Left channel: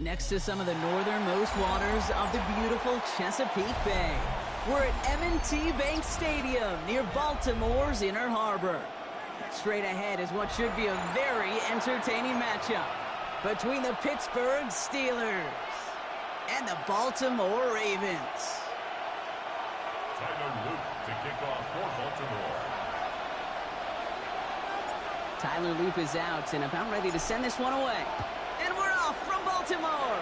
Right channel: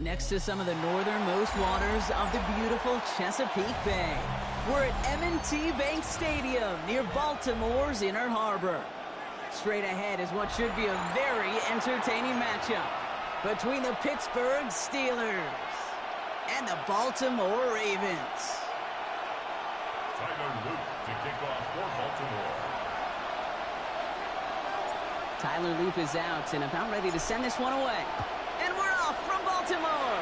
Next to some of the northernmost waters of the beautiful Chesapeake Bay, we're at M&T Bank Stadium near Baltimore's Inner Harbor. Straight ahead is what should be a very entertaining matchup between the Pittsburgh Steelers and the Baltimore Ravens. Tyler Luke to kick off for Baltimore. Tyler Loop is out and about ready to send this one away. And we're off from Baltimore.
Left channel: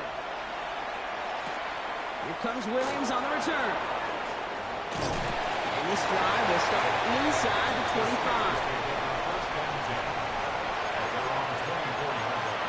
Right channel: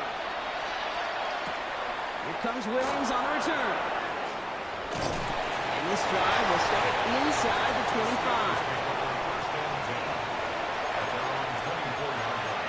Here comes Williams on the return. And this drive will start inside the 25. First and 10 at their own 24-yard line.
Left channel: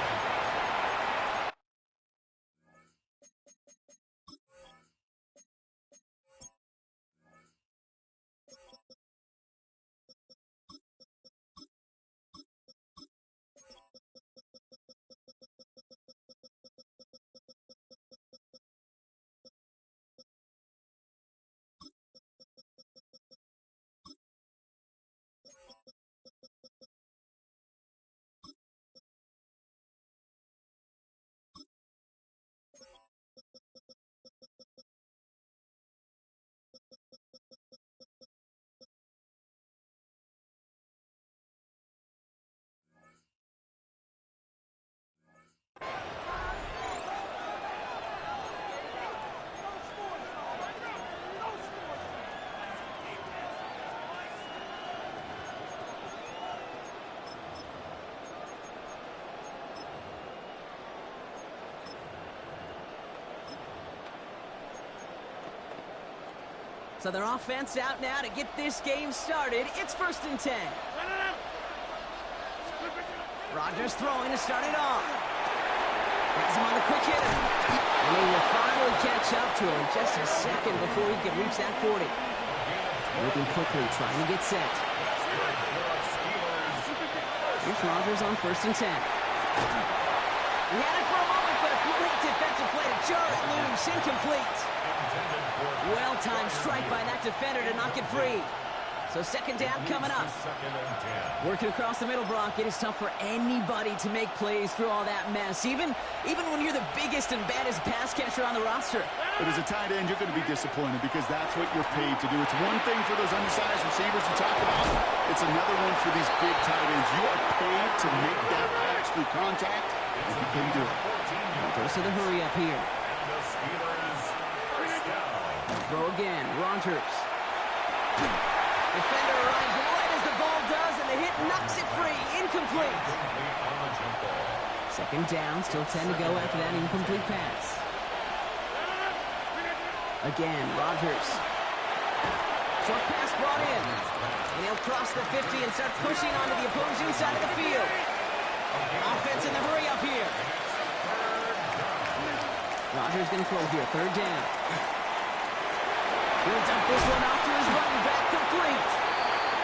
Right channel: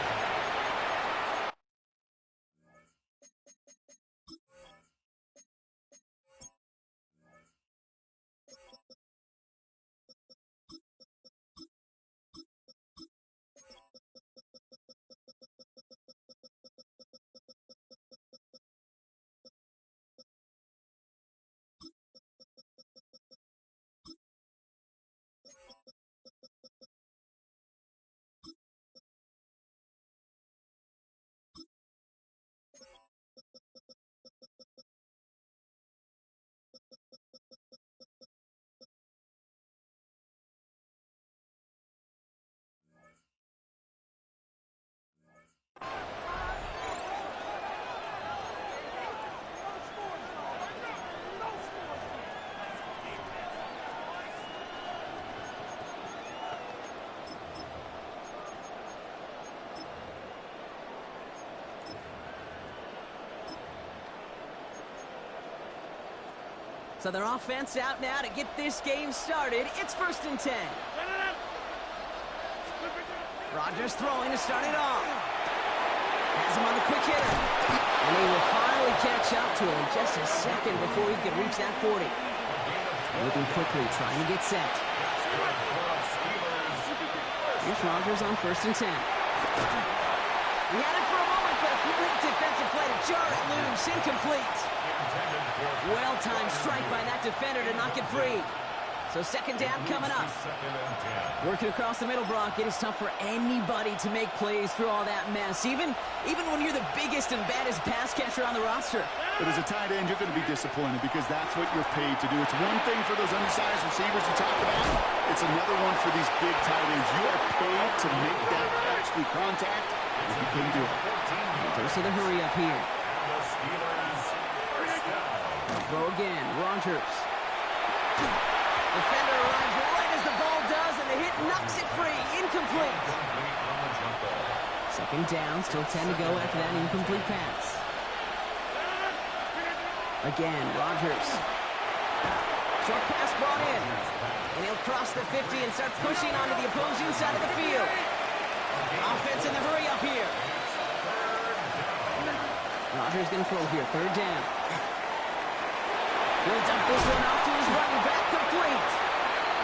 So their offense out now to get this game started. It's 1st and 10. Rodgers throwing to start it off. Has him on the quick hitter. And they will finally catch up to him just a second before he can reach that 40. Moving quickly, trying to get set. Here's Rodgers on 1st and 10. He had it for a moment, but a great defensive play to jar it loose. Incomplete. Well-timed strike by that defender to knock it free. So 2nd down coming up. Working across the middle, Brock. It is tough for anybody to make plays through all that mess, even when you're the biggest and baddest pass catcher on the roster. But as a tight end, you're going to be disappointed because that's what you're paid to do. It's one thing for those undersized receivers you talked about. It's another one for these big tight ends. You are paid to make that catch through contact, and you couldn't do it. Goes to the hurry up here. And the Steelers first down. Throw again, Rodgers. Defender arrives right as the ball does, and the hit knocks it free. Incomplete. On the jump ball. 2nd down, still 10 to go after that incomplete pass. Again, Rodgers. Short pass brought in. And he'll cross the 50 and start pushing onto the opposing side of the field. Offense in the hurry up here. Rodgers going to throw here, 3rd down. He'll dump this one off to his running back, complete.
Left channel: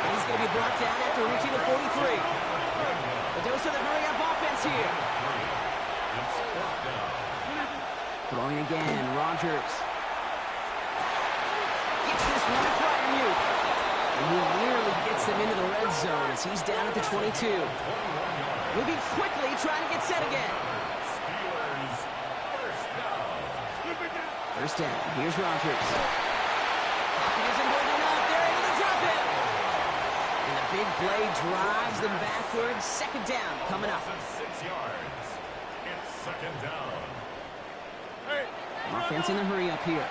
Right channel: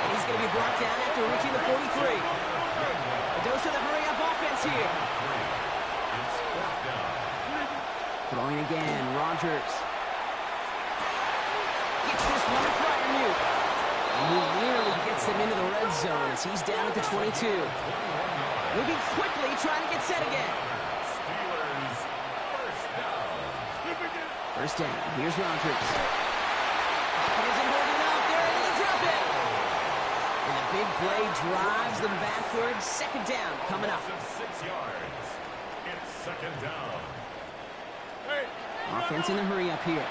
And he's going to be brought down after reaching the 43. A dose of the hurry-up offense here. It's 4th down. Throwing again, Rodgers. Gets this one to Fryermuth. And he nearly gets them into the red zone as he's down at the 22. Moving quickly, trying to get set again. Steelers first down. 1st down, here's Rodgers. Pocket isn't holding up. They're able to drop it. And the big play drives them backwards. 2nd down coming up. 6 yards. It's 2nd down. Offense in the hurry up here.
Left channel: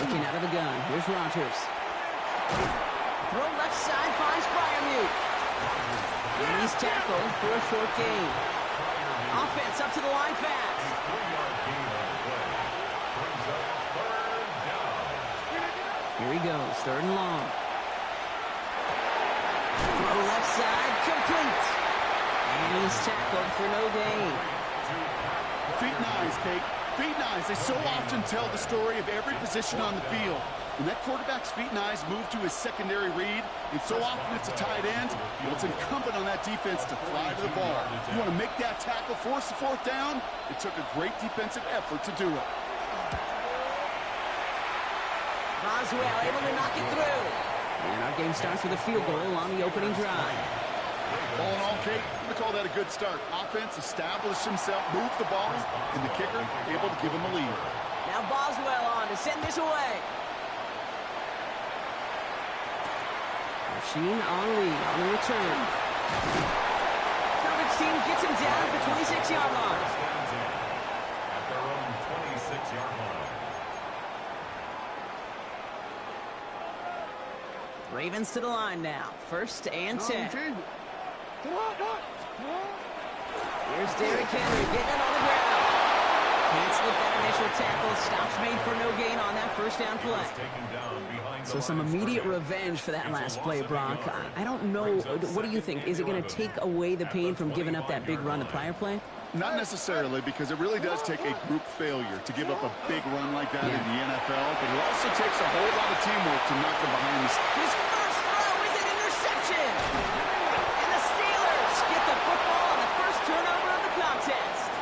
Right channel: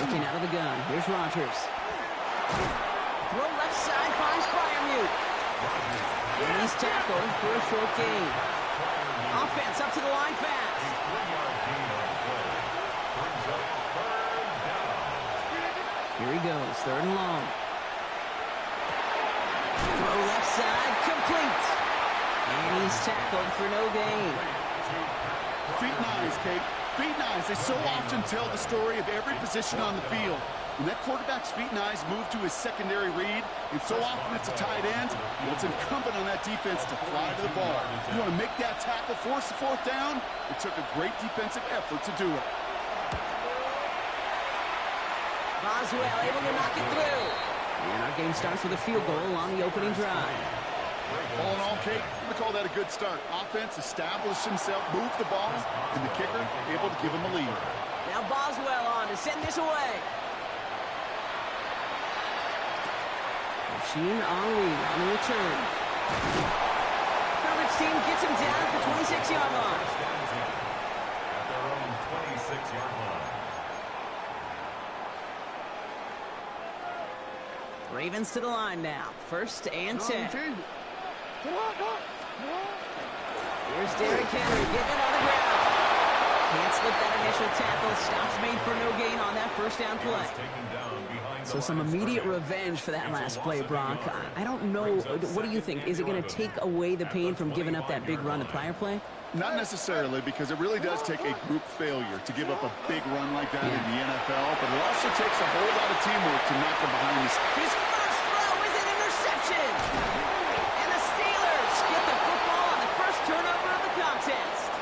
Looking out of the gun. Here's Rodgers. Throw left side finds Fryermuth. And he's tackled for a short gain. Offense up to the line fast. 3-yard gain on the play. Brings up 3rd down. Here he goes, 3rd and long. Throw left side, complete. And he's tackled for no gain. Feet and eyes, Kate. Feet and eyes. They so often tell the story of every position on the field. When that quarterback's feet and eyes move to his secondary read, and so often it's a tight end, well, it's incumbent on that defense to fly to the ball. You want to make that tackle, force the 4th down? It took a great defensive effort to do it. Boswell able to knock it through. And our game starts with a field goal on the opening drive. All in all, Kate, I'm going to call that a good start. Offense established himself, moved the ball, and the kicker able to give him a lead. Now Boswell on to send this away. Rasheen Ali on the return. Coverage team gets him down at the 26-yard line. At their own 26-yard line. Ravens to the line now. 1st and 10. Here's Derrick Henry getting it on the ground. Can't slip that initial tackle. Stops made for no gain on that first down play. So some immediate revenge for that last play, Brock. I don't know. What do you think? Is it going to take away the pain from giving up that big run the prior play? Not necessarily, because it really does take a group failure to give up a big run like that in the NFL, but it also takes a whole lot of teamwork to knock them behind the scenes. His first throw is an interception. And the Steelers get the football on the first turnover of the contest.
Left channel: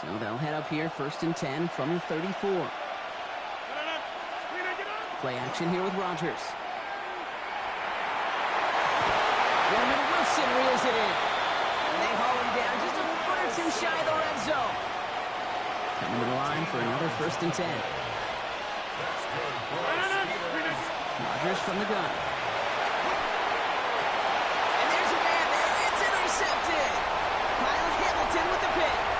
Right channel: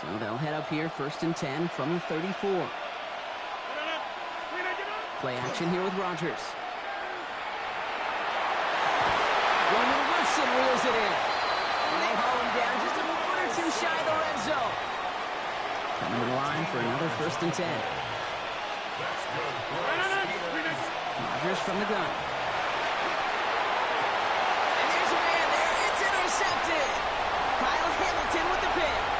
So they'll head up here, 1st and 10 from the 34. Play action here with Rodgers. Roman Wilson reels it in. And they haul him down just a foot or two shy of the red zone. Coming to the line for another 1st and 10. Rodgers from the gun. And there's a man there. It's intercepted. Kyle Hamilton with the pick.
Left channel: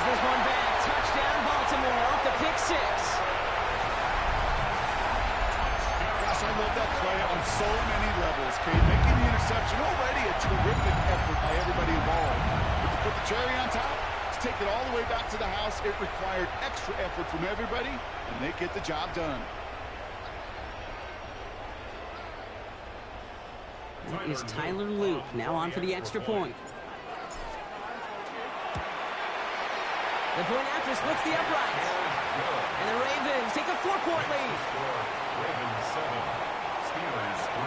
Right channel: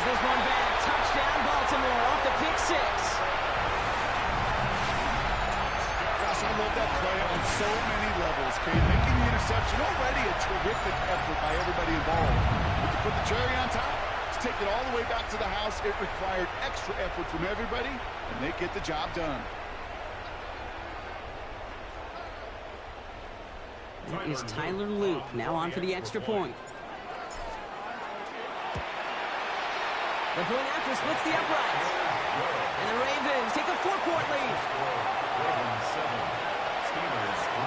This one back. Touchdown, Baltimore off the pick 6. Gosh, I love that play on so many levels, Kate. Making the interception already a terrific effort by everybody involved. But to put the cherry on top, to take it all the way back to the house, it required extra effort from everybody, and they get the job done. That is Tyler Loop now on for the extra point. The point after splits the uprights. And the Ravens take a 4-point lead. Ravens 7, Steelers 3.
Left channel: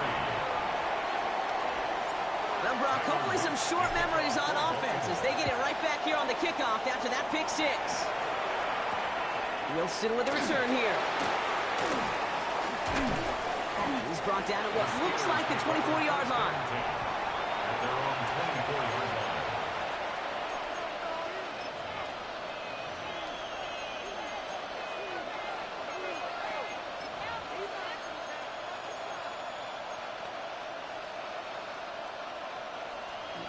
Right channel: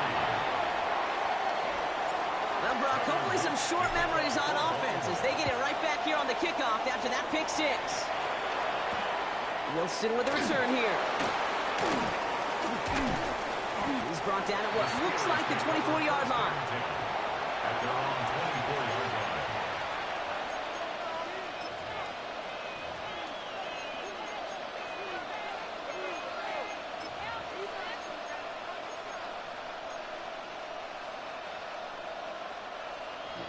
Well, Brock, hopefully some short memories on offense as they get it right back here on the kickoff after that pick 6. Wilson with the return here. He's brought down at what looks like the 24-yard line. At their own 24-yard line.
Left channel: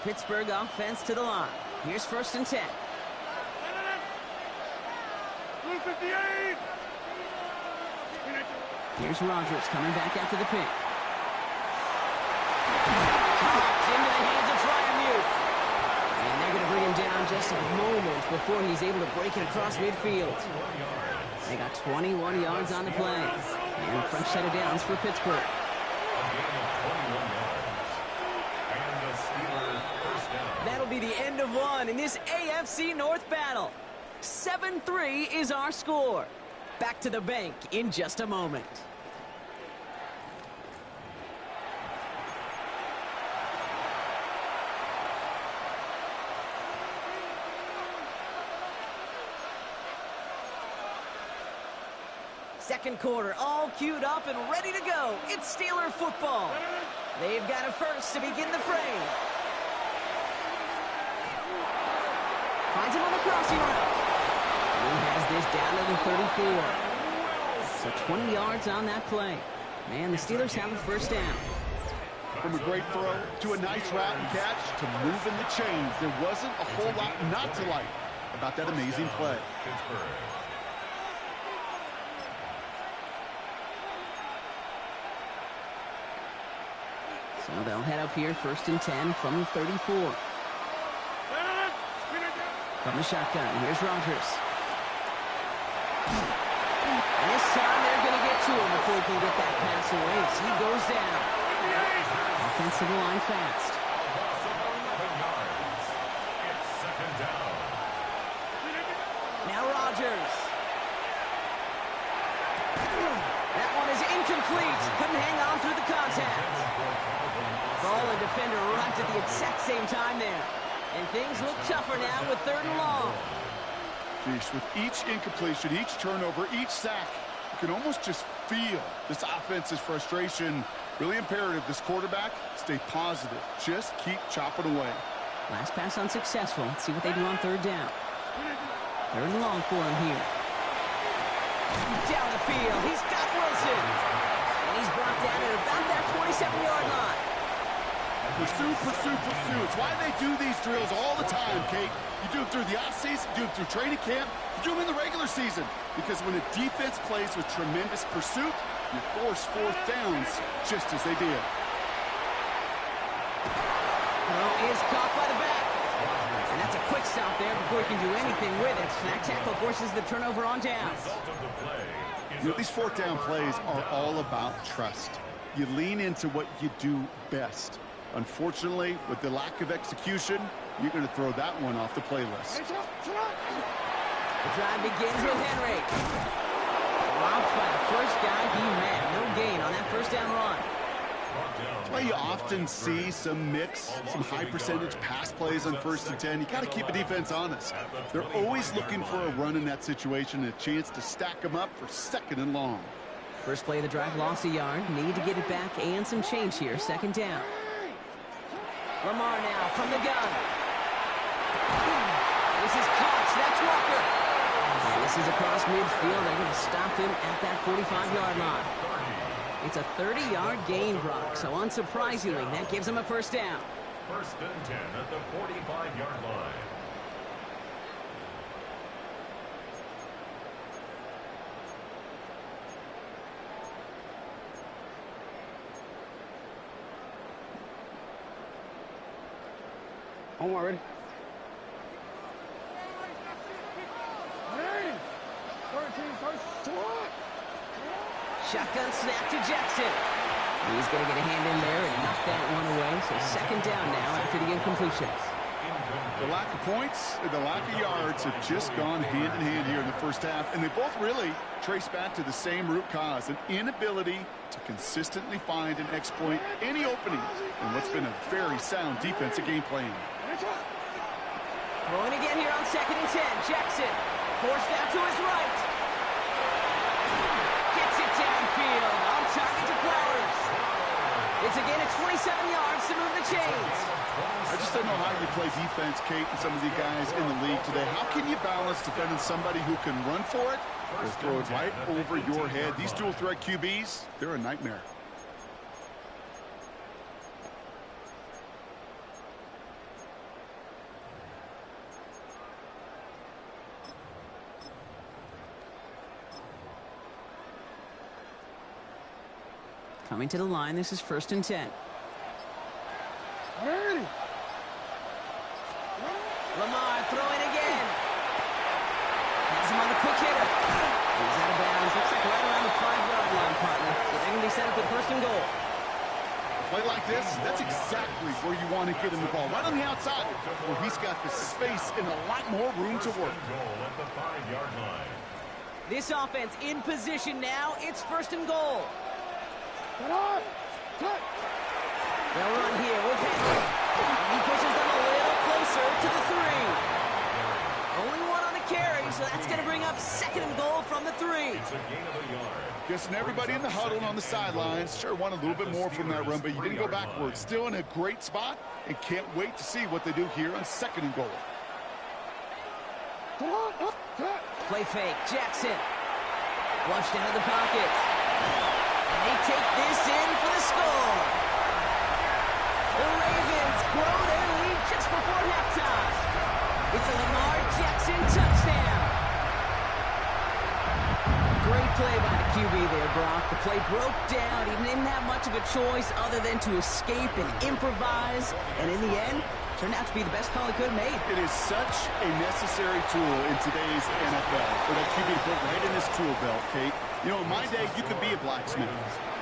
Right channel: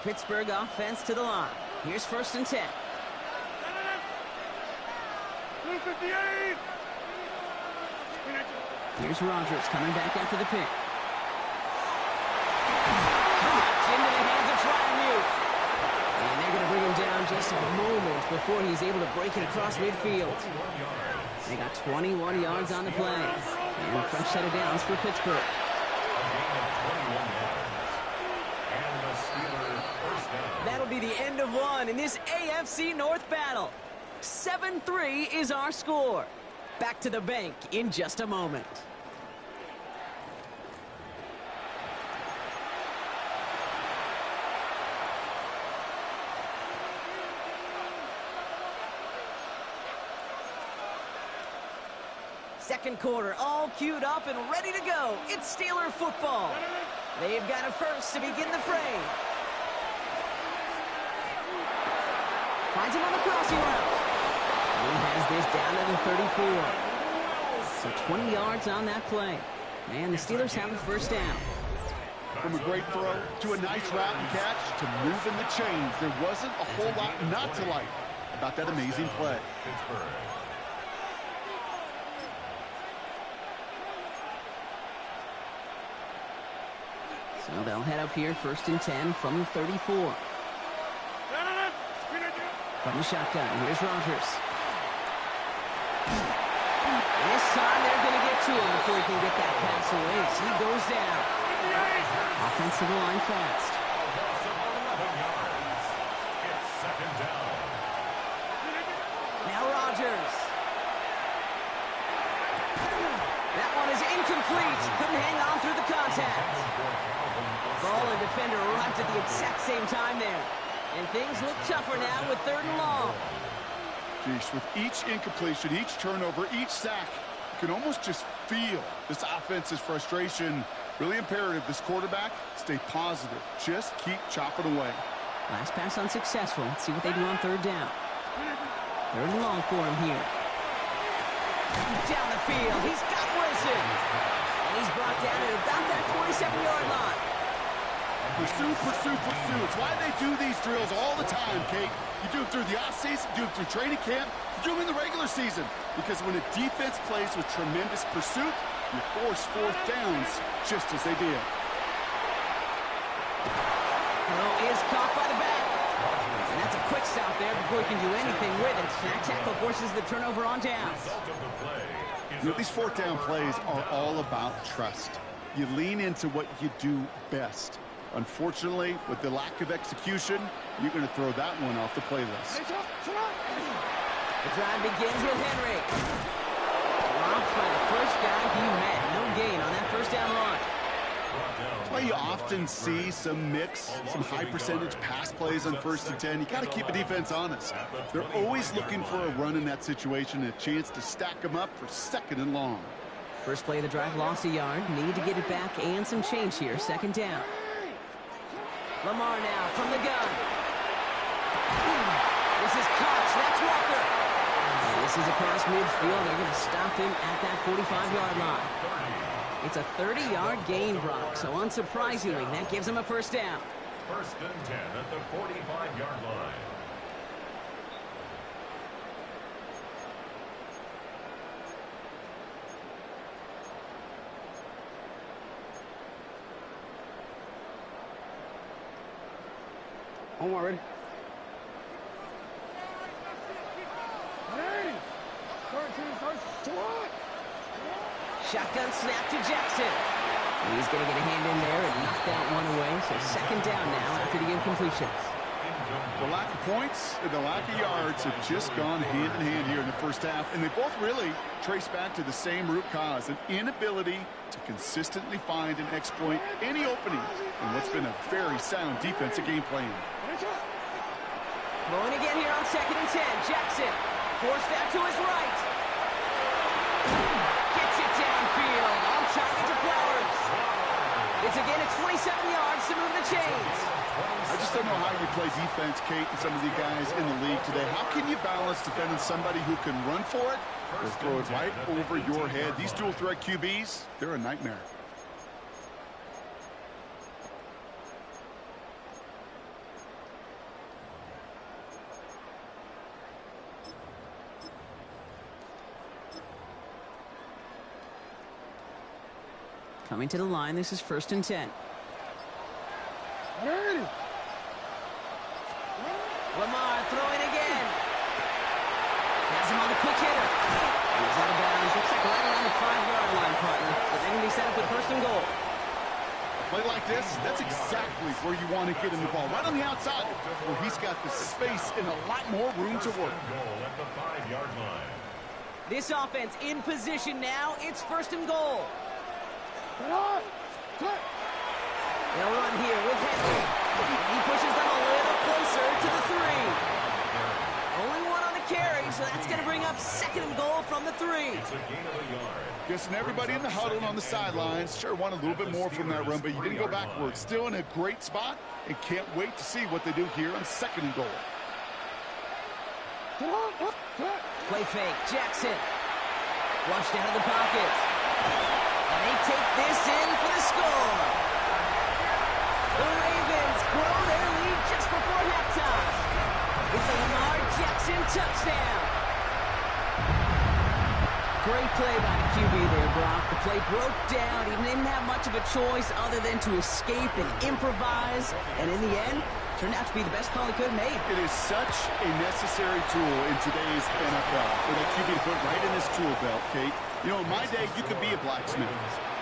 Pittsburgh offense to the line. Here's 1st and 10. Here's Rodgers coming back after the pick. Caught into the hands of Fryermuth. And they're going to bring him down just a moment before he's able to break it across midfield. They got 21 yards on the play. And a fresh set of downs for Pittsburgh. A gain of 21 yards. And the Steelers first down. That'll be the end of one in this AFC North battle. 7-3 is our score. Back to the bank in just a moment. Second quarter, all queued up and ready to go. It's Steeler football. They've got a first to begin the fray. Finds him on the crossing route. He has this down to the 34. So 20 yards on that play. Man, the Steelers have a first down. From a great throw to a nice route and catch to moving the chains, there wasn't a whole lot not to like about that amazing play. Pittsburgh. So they'll head up here, 1st and 10 from the 34. From the shotgun, here's Rodgers. And this time they're going to get to him before he can get that pass away. So he goes down. Offensive line fast. A loss of 11 yards. It's second down. Now Rodgers. is incomplete. Couldn't hang on through the contact. Ball and defender arrived at the exact same time there. And things look tougher now with 3rd and long. Geez, with each incompletion, each turnover, each sack, you can almost just feel this offense's frustration. Really imperative this quarterback stay positive. Just keep chopping away. Last pass unsuccessful. Let's see what they do on 3rd down. 3rd and long for him here. Down the field. He's got Wilson. And he's brought down at about that 27-yard line. Pursue, pursue, pursue. It's why they do these drills all the time, Kate. You do them through the offseason, you do them through training camp, you do them in the regular season. Because when a defense plays with tremendous pursuit, you force 4th downs just as they did. Throw is caught by the back. And that's a quick stop there before he can do anything with it. That tackle forces the turnover on downs. You know, these 4th down plays are all about trust. You lean into what you do best. Unfortunately, with the lack of execution, you're going to throw that one off the playlist. The drive begins with Henry. Dropped by the first guy he met. No gain on that 1st down run. That's why you often see some mix, some high percentage pass plays on 1st and 10. You got to keep a defense honest. They're always looking for a run in that situation and a chance to stack them up for 2nd and long. First play of the drive lost a yard. Need to get it back and some change here. 2nd down. Lamar now from the gun. This is Cox. That's Walker. And this is across midfield. They're going to stop him at that 45-yard line. It's a 30-yard gain, Brock. So unsurprisingly, that gives him a 1st down. 1st and 10 at the 45-yard line. Omar, ready? Shotgun snap to Jackson. He's going to get a hand in there and knock that one away. So 2nd down now after the incompletions. The lack of points and the lack of yards have just gone hand in hand here in the 1st half. And they both really trace back to the same root cause, an inability to consistently find and exploit any opening in what's been a very sound defensive game plan. Throwing again here on 2nd and 10. Jackson forced out to his right. Gets it downfield. On target to Flowers. It's again at 27 yards to move the chains. I just don't know how you play defense, Kate, and some of the guys in the league today. How can you balance defending somebody who can run for it or throw it right over your head? These dual threat QBs, they're a nightmare. Coming to the line, this is 1st and 10. Ready. Lamar throwing again. Has him on the quick hitter. He's out of bounds. Looks like right around the 5-yard line, partner. So they're going to be set up with 1st and goal. A play like this, that's exactly where you want to get him the ball. Right on the outside, where he's got the space and a lot more room to work. Goal at the 5-yard line. This offense in position now. It's 1st and goal. They'll run here with Henry. He pushes them a little closer to the 3. Only one on the carry, so that's going to bring up 2nd and goal from the 3. It's a gain of a yard. Guessing everybody in the huddle and on the sidelines sure want a little bit more from that run, but you didn't go backwards. Still in a great spot and can't wait to see what they do here on 2nd and goal. Play fake. Jackson. Flushed out of the pocket. And they take this in for the score. The Ravens grow their lead just before halftime. It's a Lamar Jackson touchdown. Great play by the QB there, Brock. The play broke down. He didn't have much of a choice other than to escape and improvise. And in the end, turned out to be the best call he could have made. It is such a necessary tool in today's NFL for that QB to put right in his tool belt, Kate. You know, in my day, you could be a blacksmith,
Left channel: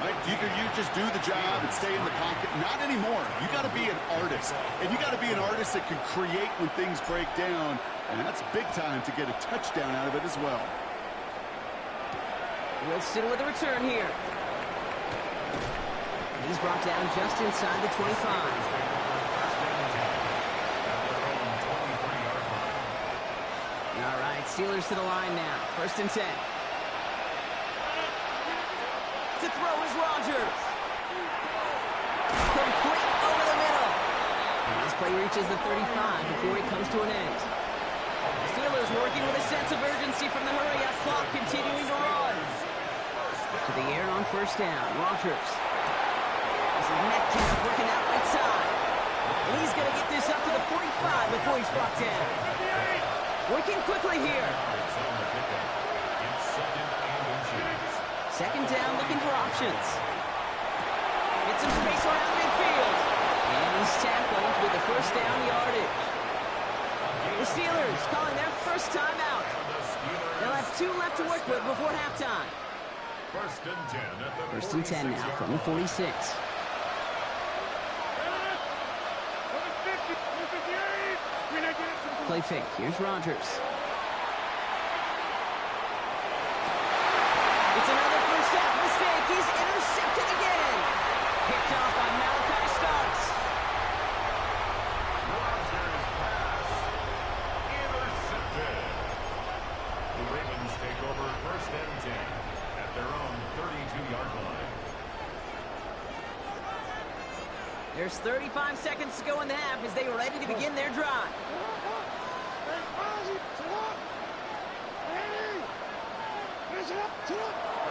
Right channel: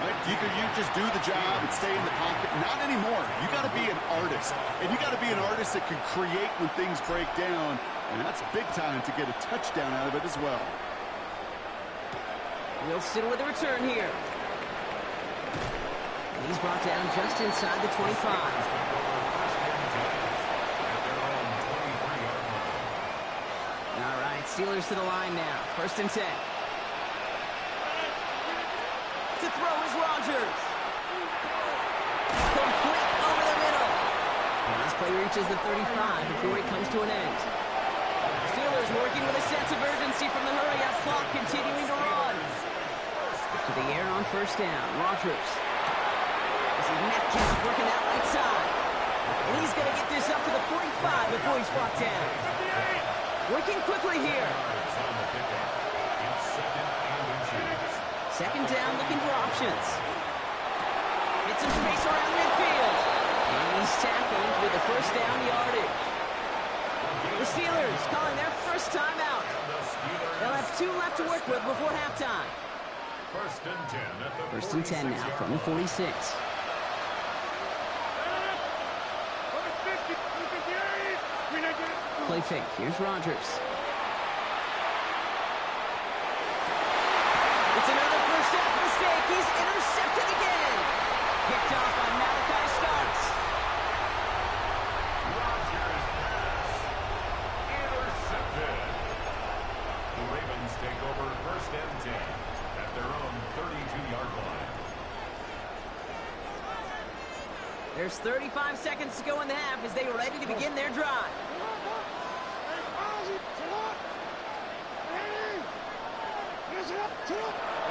right? You just do the job and stay in the pocket. Not anymore. You got to be an artist, and you got to be an artist that can create when things break down, and that's big time to get a touchdown out of it as well. Wilson with the return here. And he's brought down just inside the 25. All right, Steelers to the line now. 1st and 10. To throw is Rodgers. Complete over the middle. And this play reaches the 35 before it comes to an end. Steelers working with a sense of urgency from the hurry-up clock, continuing to run. To the air on 1st down. Rodgers. This is Metcalf working out right side. And he's going to get this up to the 45 before he's brought down. Working quickly here. 2nd down, looking for options. Get some space around midfield. And he's tackled with the 1st down yardage. The Steelers calling their 1st timeout. They'll have 2 left to work with before halftime. 1st and 10 now from the 46. Play fake. Here's Rodgers. It's another 1st half mistake. He's intercepted again. Picked off by Malachi Starks. Rodgers pass intercepted. The Ravens take over 1st and 10 at their own 32-yard line. There's 35 seconds to go in the half as they are ready to begin their drive.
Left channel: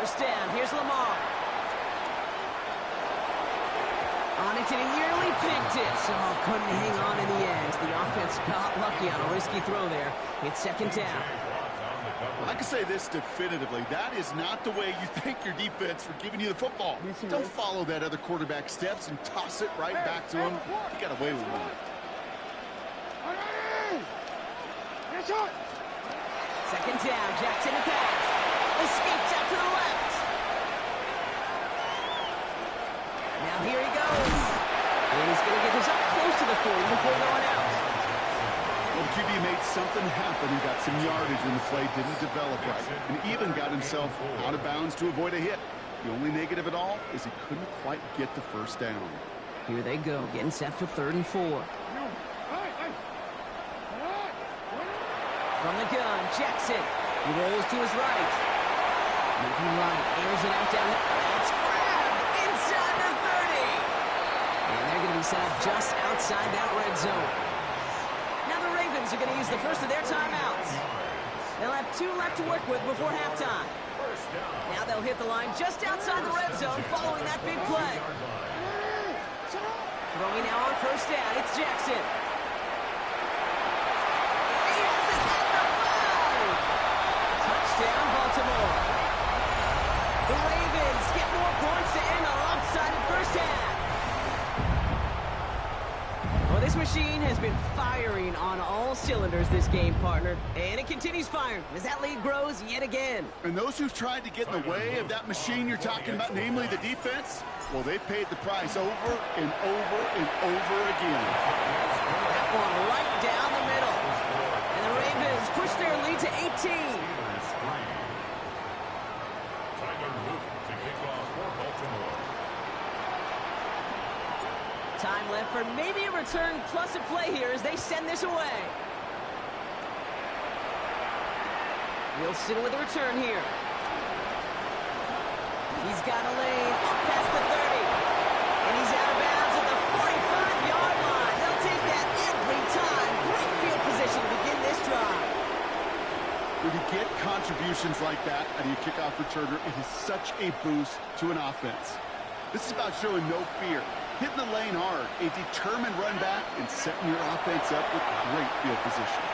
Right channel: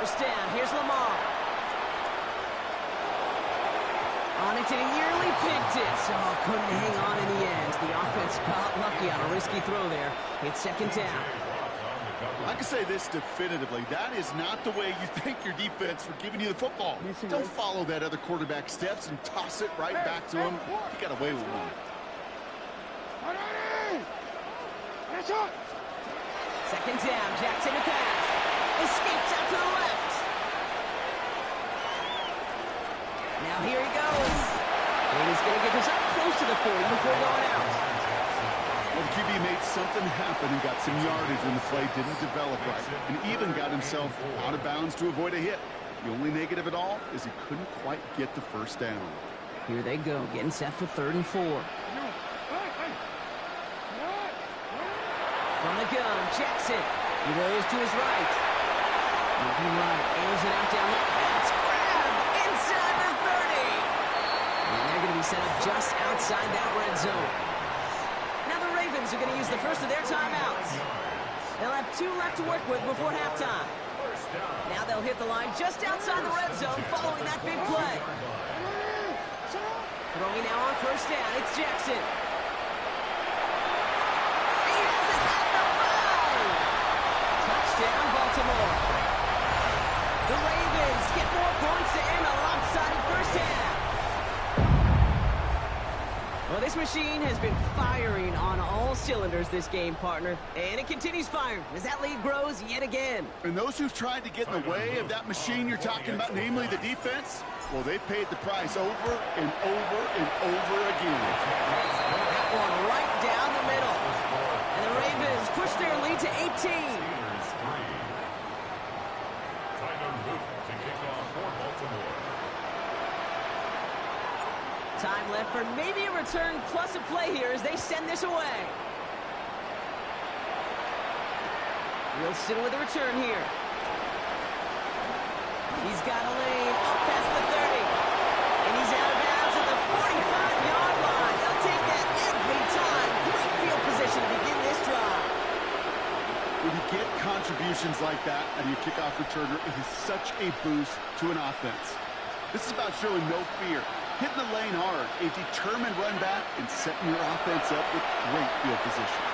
1st down, here's Lamar. On it, and he nearly picked it, so couldn't hang on in the end. The offense got lucky on a risky throw there. It's 2nd down. I can say this definitively. That is not the way you thank your defense for giving you the football. Don't follow that other quarterback's steps and toss it right back to him. He got away with one. 2nd down, Jackson to pass. Escapes out to the left. Now here he goes. And he's going to get this up close to the 40 before going out. Well, the QB made something happen and got some yardage when the play didn't develop right, and even got himself out of bounds to avoid a hit. The only negative at all is he couldn't quite get the 1st down. Here they go, getting set for 3rd and 4. From the gun, Jackson. He rolls to his right. Moving right, airs it out down there. That's grabbed inside the 30. And they're going to be set up just outside that red zone. Now the Ravens are going to use the 1st of their timeouts. They'll have 2 left to work with before halftime. Now they'll hit the line just outside the red zone following that big play. Throwing now on 1st down, it's Jackson. He has it at the 5. Touchdown, Baltimore. The Ravens get more points to end a lopsided 1st half. Well, this machine has been firing on all cylinders this game, partner. And it continues firing as that lead grows yet again. And those who've tried to get in the way of that machine you're talking about, namely the defense, well, they paid the price over and over and over again. That one right down the middle. And the Ravens push their lead to 18. Steelers 3. Tyler Luke to kick off for Baltimore. Time left for maybe a return plus a play here as they send this away. Wilson with a return here. He's got a lane up past the 30. And he's out of bounds at the 45-yard line. They'll take that every time. Great field position to begin this drive. When you get contributions like that out of your kickoff returner, it is such a boost to an offense. This is about showing no fear, hitting the lane hard, a determined run back, and setting your offense up with great field position.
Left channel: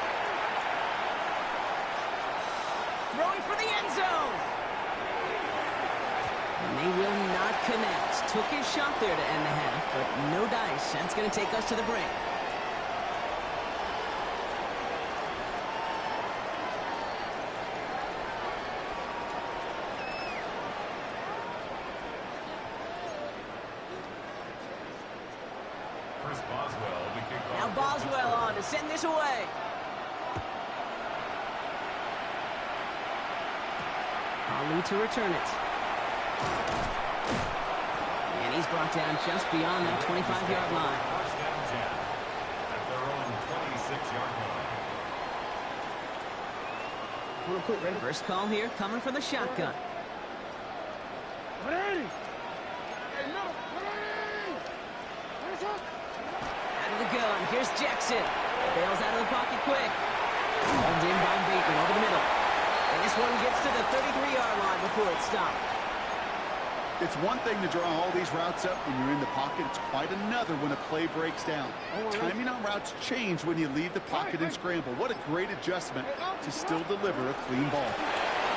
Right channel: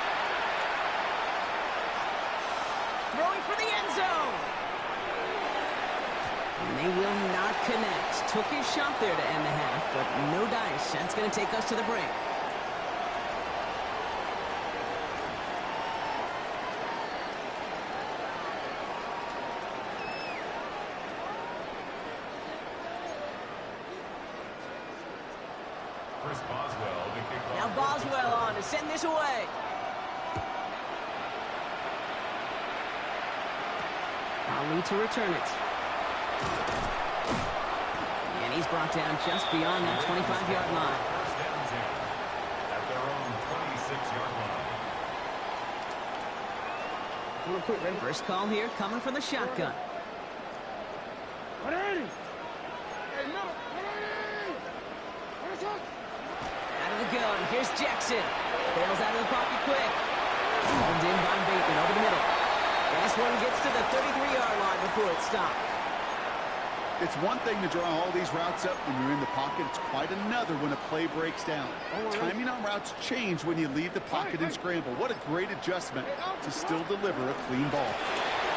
Throwing for the end zone. And they will not connect. Took his shot there to end the half, but no dice. That's going to take us to the break. Now Boswell on to send this away. Ali to return it. And he's brought down just beyond that 25-yard line. First and 10 at their own 26-yard line. First call here coming from the shotgun. Out of the gun, here's Jackson. Bails out of the pocket quick. Hauled in by Bateman over the middle. And this one gets to the 33-yard line before it's stopped. It's one thing to draw all these routes up when you're in the pocket. It's quite another when a play breaks down. Timing on routes change when you leave the pocket and scramble. What a great adjustment to still deliver a clean ball.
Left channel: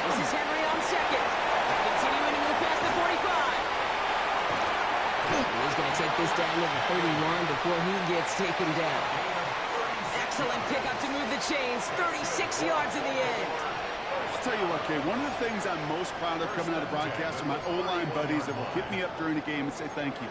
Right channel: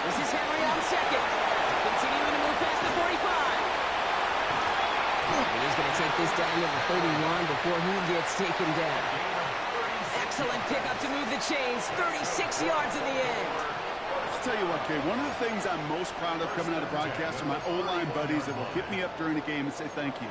This is Henry on second. Continuing to move past the 45. And he's going to take this down to the 31 before he gets taken down. Excellent pickup to move the chains. 36 yards in the end. I'll tell you what, Kay, one of the things I'm most proud of coming out of broadcast are my O-line buddies that will hit me up during the game and say thank you.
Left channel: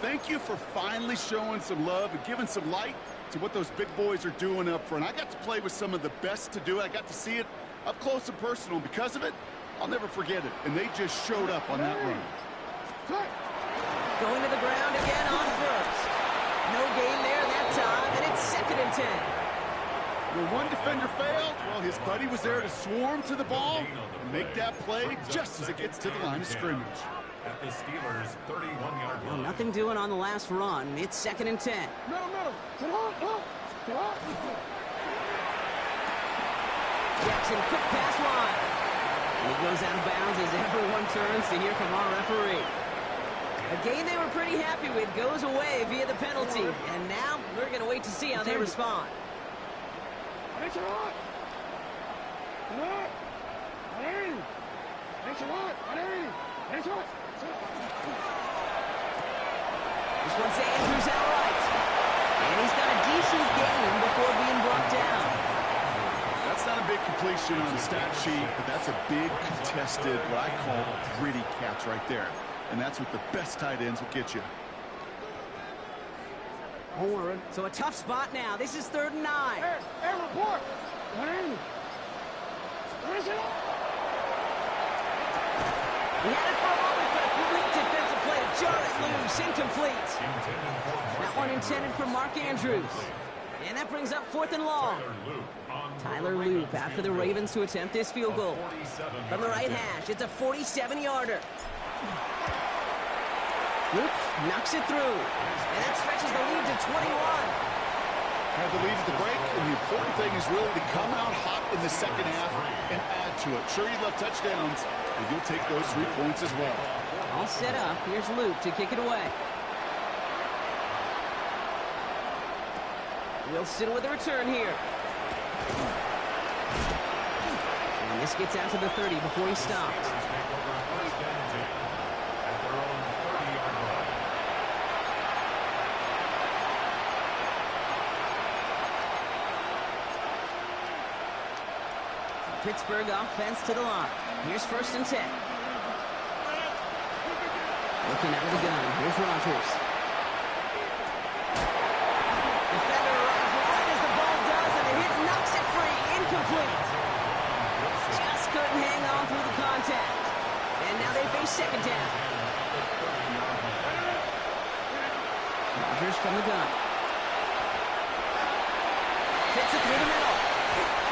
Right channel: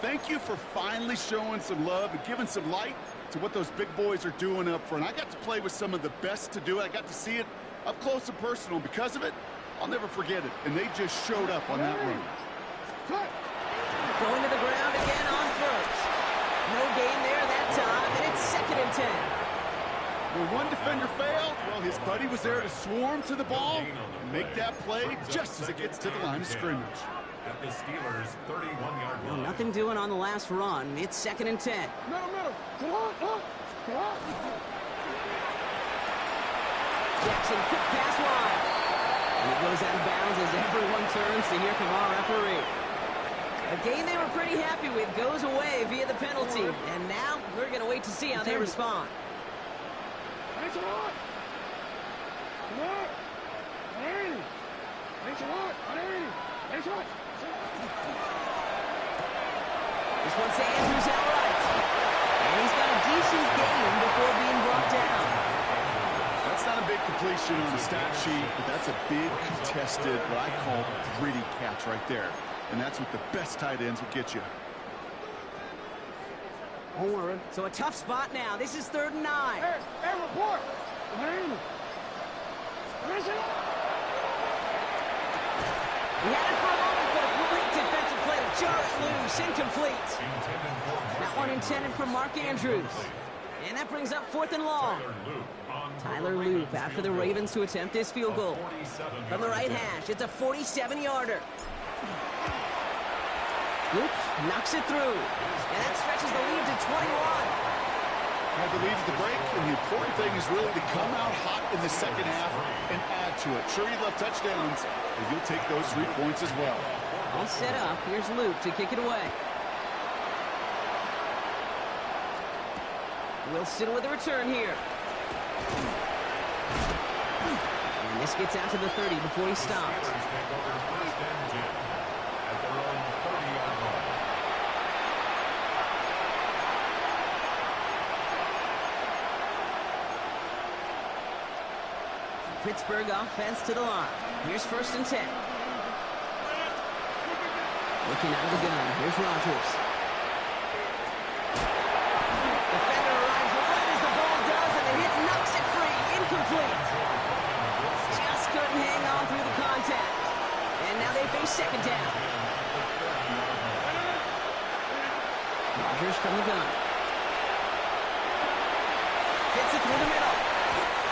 Thank you for finally showing some love and giving some light to what those big boys are doing up front. I got to play with some of the best to do it. I got to see it up close and personal. Because of it, I'll never forget it. And they just showed up on that run. Going to the ground again on first. No gain there that time, and it's 2nd and 10. Where one defender failed, well, his buddy was there to swarm to the ball and make that play just as it gets to the line of scrimmage. At the Steelers' 31-yard Well, line. nothing doing on the last run. It's 2nd and 10. Jackson, quick pass wide. And he goes out of bounds as everyone turns to hear from our referee. A game they were pretty happy with goes away via the penalty. And now we're going to wait to see how they respond. This one's to Andrews outright. And he's got a decent gain before being brought down. That's not a big completion on the stat sheet, but that's a big contested, what I call gritty catch right there. And that's what the best tight ends will get you. So a tough spot now. This is 3rd and 9. Hey, report! He had it for a moment, but a great defensive play to jar it loose. Incomplete. That one intended for Mark Andrews. And that brings up 4th and long. Tyler Loop after the Ravens to attempt this field goal. From the right hash, it's a 47-yarder. Loop knocks it through. And that stretches the lead to 21. Had the lead at the break, and the important thing is really to come out hot in the second half and add to it. Sure, you'd love touchdowns, but you'll take those 3 points as well. All set up. Here's Loop to kick it away. Wilson with a return here. And this gets out to the 30 before he stops. Steelers take over 1st and 10 at their own 30-yard line. Pittsburgh offense to the line. Here's 1st and 10. Looking out of the gun. Here's Rodgers. Defender arrives right as the ball does, and the hit knocks it free. Incomplete. Just couldn't hang on through the contact. And now they face 2nd down. Rodgers from the gun. Fits it through the middle.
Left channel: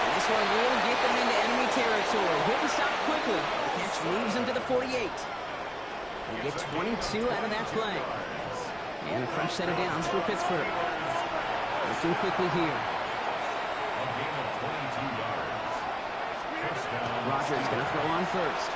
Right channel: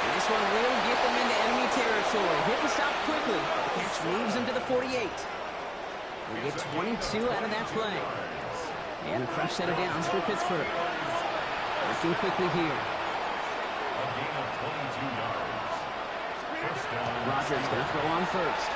And this one will get them into enemy territory. Hit and stop quickly. The catch moves them to the 48. They get 22 out of that play. And a fresh set of downs for Pittsburgh. Working quickly here. A gain of 22 yards. First down. Rodgers going to throw on first.